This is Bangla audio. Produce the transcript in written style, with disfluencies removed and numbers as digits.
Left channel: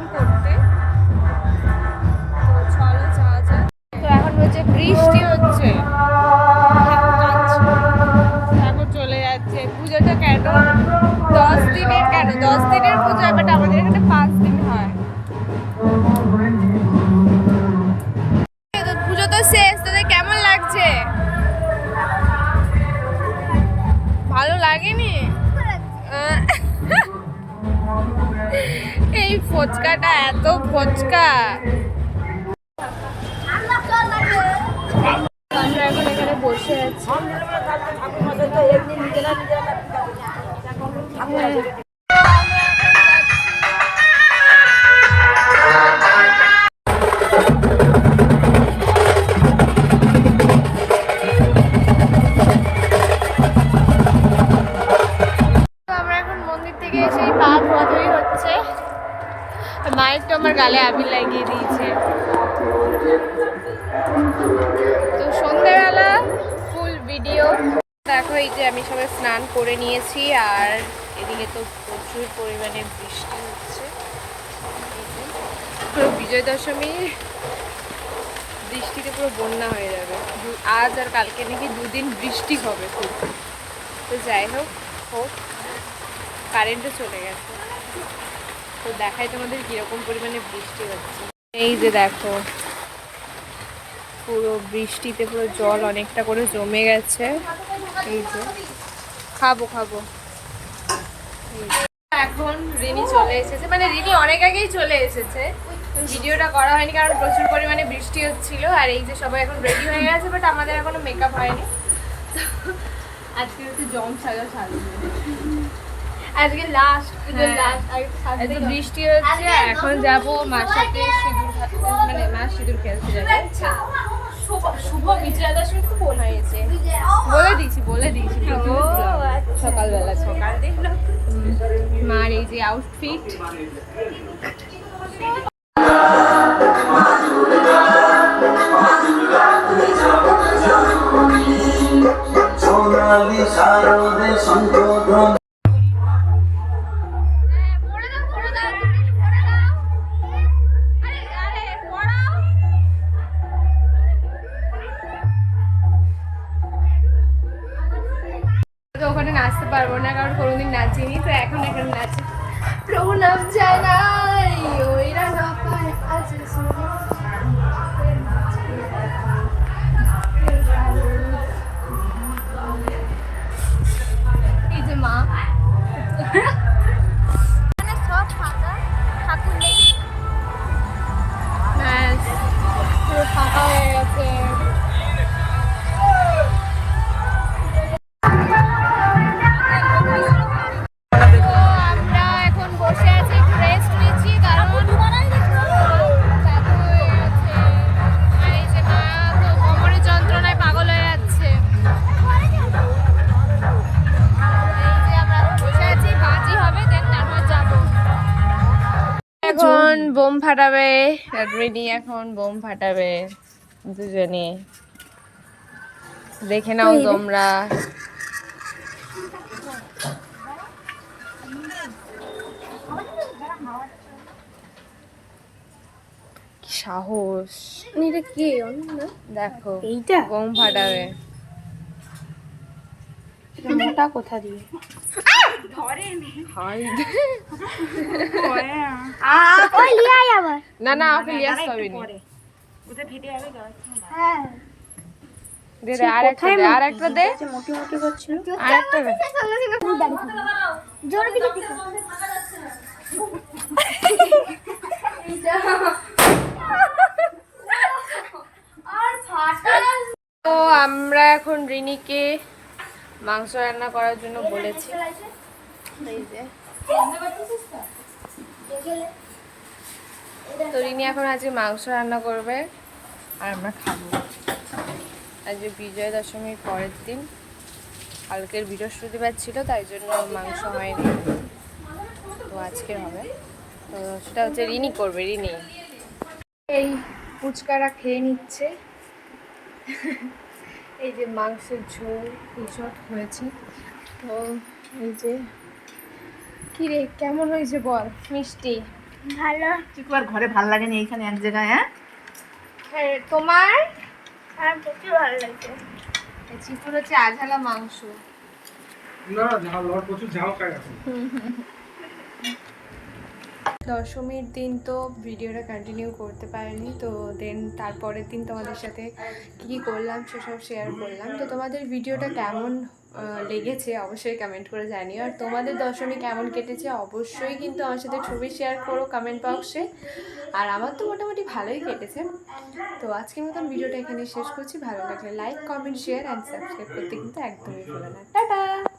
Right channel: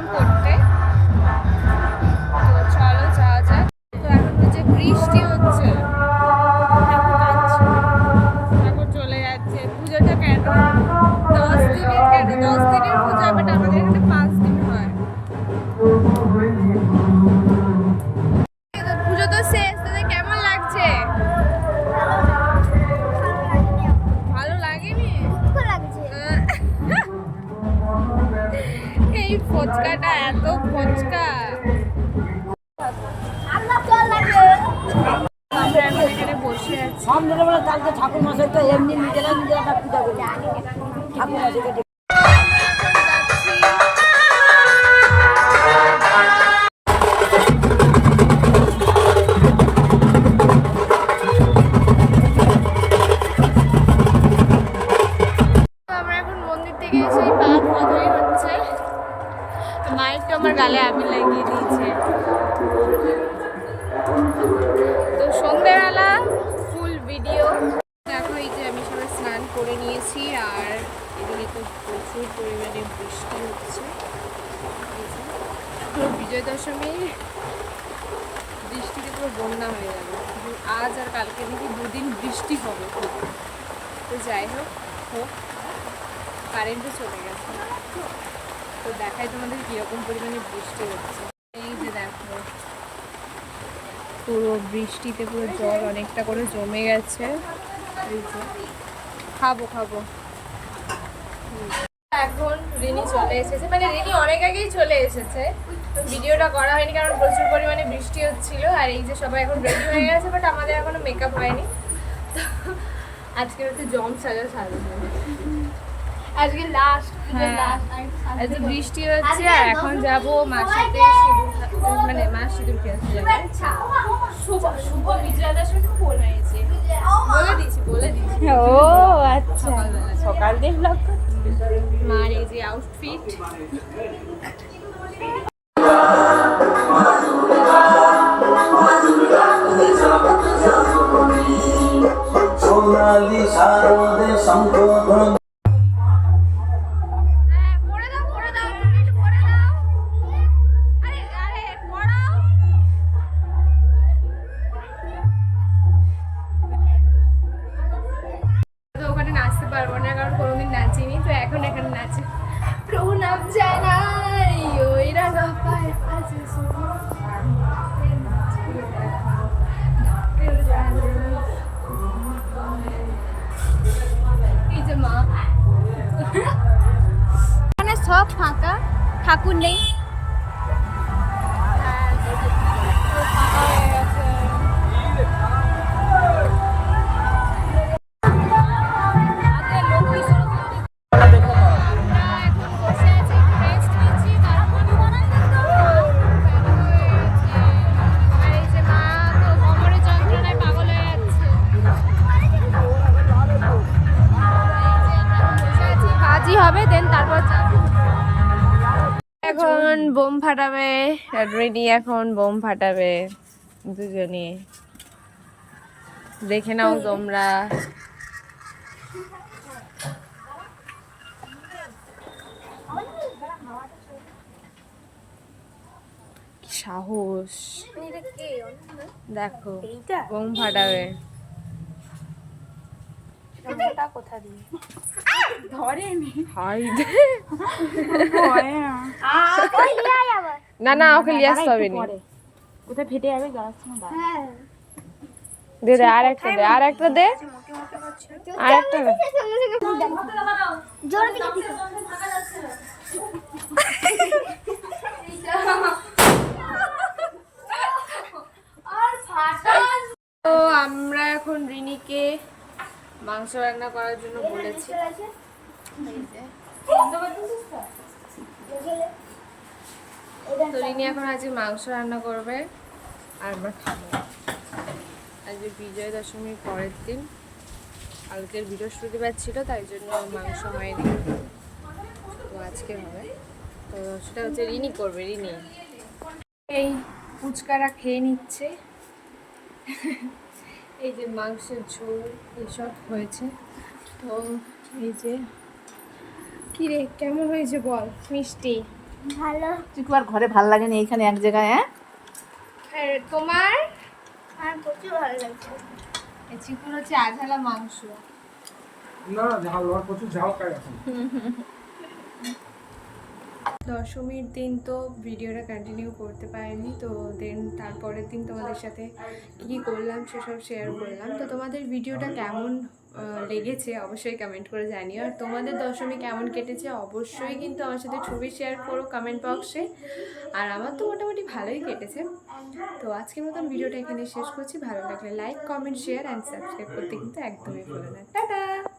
এসেছিলাম করতে। তো চলো যাওয়া যাক। তো এখন হচ্ছে বৃষ্টি হচ্ছে, ঠাকুর চলে যাচ্ছে। পুজোটা কেন 10 দিনের, কেন 10 দিনের পুজো, বাট আমাদের এখানে 5 দিন হয়। পুজো তো শেষ, তোদের কেমন লাগছে? ভালো লাগেনি? এই ফচকাটা এত ফচকা। আমরা এখন এখানে বসে আছি। আমরা এখন মন্দির থেকে এসে পা ধোয়াধুয়ি হচ্ছে। মায়ের তো আমার গালে আবির লাগিয়ে দিয়েছে। তো সন্ধ্যেবেলা ফুল ভিডিও দেখো। এই যে আমি সবাই স্নান করে নিয়েছি, আর এদিকে তো প্রচুর পরিমাণে বৃষ্টি হচ্ছে। এই যে পুরো বিজয় দশমী বৃষ্টিতে পুরো বন্যা হয়ে যাবে। আজ আর কালকে নাকি 2 দিন বৃষ্টি হবে খুব। তো যাই হোক হোক, কারেন্টও চলে গেছে। তো দেখাই তোমাদের কিরকম পরিমাণে বৃষ্টি হচ্ছে। এই যে দেখো পুরো বৃষ্টিতে পুরো জল অনেকটা করে জমে গেছে। এই যে খাবো এখন রিনি চলে এসেছে, মানে রিনি অনেক আগেই চলে এসেছে। ভিডিওটা করা হয়নি কারণ প্রচুর পরিমাণে বৃষ্টি হচ্ছিল। আর এই যে সবাই এখন রেডি হয়ে গেছে, বাট আমাদের এখনো মেকআপ হয়নি। তো আজকে হচ্ছে জম সাজবো, আজকে লাস্ট এত বৃষ্টি হচ্ছে। আর এখন যাব মার সাথে সিঁদুর, মানে মা সিঁদুর খেলতে যাবে। শুভ বিজয়া দশমী ফোন হয়েছে, বলে দিয়েছি ও সকালবেলা সকাল দেখলাম মার এই যে আউটফিট। সোনালি শারদে শঙ্খধ্বনি। ওখানে নাচতে পারবো না কারণ কোনোদিন নাচিনি, তো এখন এখানে নাচি। প্রণাম জানাই ওই রাঙা পায় আছে এই যে মা এখানে সব ফাঁকা, ঠাকুর নেই। ফাঁকা হয়ে গেছে। এখন বোম ফাটাবে, রেডি এখন বোম ফাটাবে দুজনে, দেখে নাও তোমরা। কি সাহস, দেখো বোম ফাটাবে। কোথা দিয়ে না না ওকে লিয়ে আসতে হবে না, কোথায় ফেটে যাবে দে দে আর একটা দে, আর একটা দে, আর একটা দে। তো আমরা এখন রিনিকে মাংস রান্না করার জন্য বলেছি। তো রিনি এখন আজকে মাংস রান্না করবে আর আমরা খাবো। আজকে বিজয়া দশমীর পরের দিন, কালকের বৃহস্পতিবার ছিল তাই জন্য মাংস হয়নি, তো আজকের হবে। তো সেটা হচ্ছে রিনি করবে। রিনি এই ফুচকারা খেয়ে নিচ্ছে। এই যে মাংসের ঝোল এইসব হয়েছে। তো এই যে কি রে কেমন হয়েছে বল? মিষ্টি ভালো। চিকু আর ঘরে ভালো লাগেনি এইখানে এক জায়গায়? হ্যাঁ তোমার? আর প্রচুর ভালো লাগছে। এই চিকুর হচ্ছে আঝালা মাংস। না না ঝাল আর প্রচুর ঝাল খাই এখন। দশমীর দিন তো ভিডিওটা কন্টিনিউ করতে পারিনি, তো দেন তারপরের দিন তোমাদের সাথে কী কী করলাম সেসব শেয়ার করলাম। তো তোমাদের ভিডিওটা কেমন লেগেছে অবশ্যই কমেন্ট করে জানিও, আর তোমাদের দশমী কেমন কেটেছে অবশ্যই কিন্তু আমার সাথে ছবি শেয়ার করো কমেন্ট বক্সে। আর আমার তো মোটামুটি ভালোই কেটেছে। তো আজকের মতন ভিডিওটা এখানে শেষ করছি। ভালো লাগলে like comment share and subscribe করতে কিন্তু একদমই ভুলো না। টাটা।